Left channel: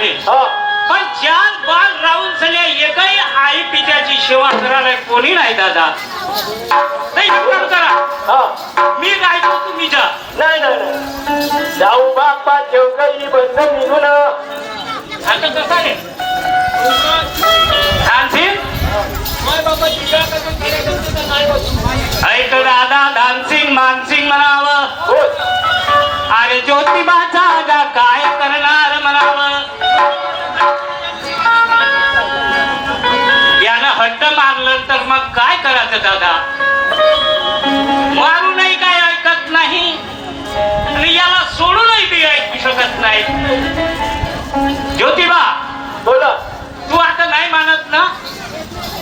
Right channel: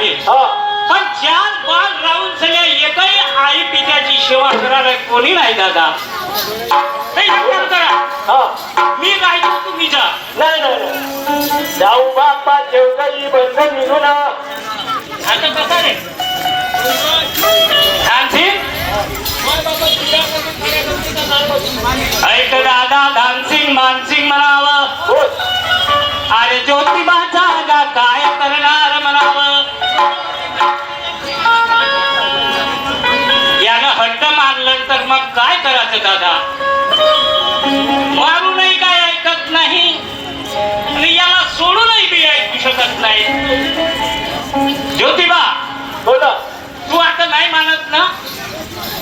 आहे. पण चार बाल राहून सगळ्या एकही आई पित्याची सेवा करायला कोणी नाही दादा. नाही काम करा, मी राहतो तुम्ही जा. नाही नाही जाऊ बाप्पा ठेवकही बंद निघून आता कसा रे ऐक दादा धानसिंग मानसिंग म्हणावं. अरे ज्योतिबाचा दादा काय करणार म्हणावं. यानं हट्ट मारलं तर मग काय करायचं दादा. मारूनही काय ऐकत नाही आणि याला सोडूनही बी ऐकू शकत नाही. ज्योतिबा बोला. तू आता नाही मानत ना.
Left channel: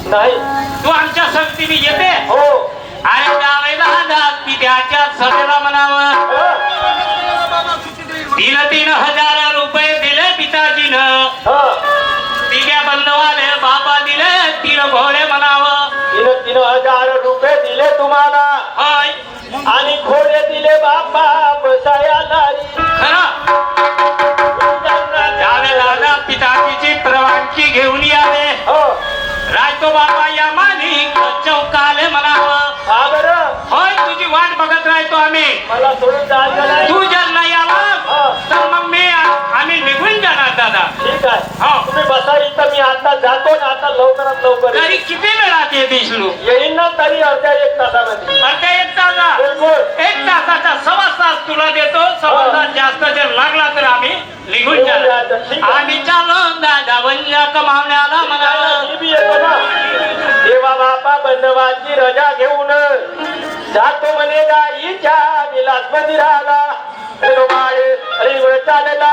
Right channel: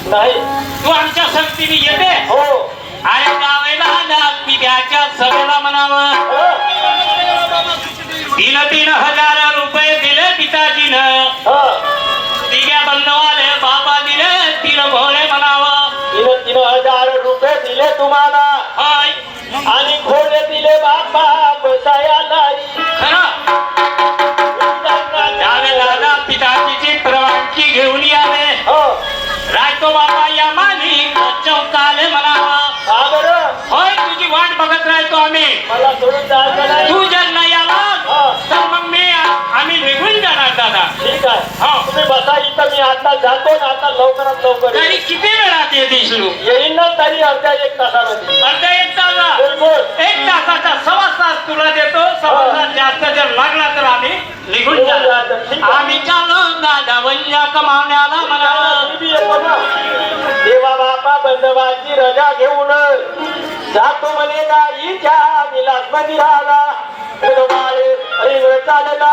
नाही तू आमच्या संगतीने येते. हो अरे गावेला पित्याच्या सभेला म्हणावं. 3,000 रुपये दिले पिताजीनं. तिघ्या बंधवाले बाबा दिले 3 घोडे म्हणावं. 3,000 रुपये दिले तुम्हाला होय आणि घोडे दिले बाप्पा बसायला. खरं गावेला पिताजीची परवानगी घेऊन यावे. राहतो बाबा या मानी चौकाले म्हणावं. होय तुझी वाट बघत राहतो आम्ही. मला सोडून जायचं नाही. तू जर नाही आला तर मग आम्ही निघून जाणार दादा. ठीक आहे तुम्ही बसा इथं. मी आता जातो ना. आता लवकरात लवकर तरी किती वेळात येशील. येईन ना तरी अर्ध्या 1 तासामध्ये. अर्ध्या 1 तासा. बिलकुल 1 तासाचा 1.25 तास तुला देतो. 1.25 तास जास्त जर लागला तर आम्ही निघून जाणार. आम्ही चालू दादा वंजा कमावण्याला म्हणाला. मी बी येतो ना. देवा बापा बंधवाची रजा घेऊन जातो म्हणे गाईच्या निलास मंदिराला. चालला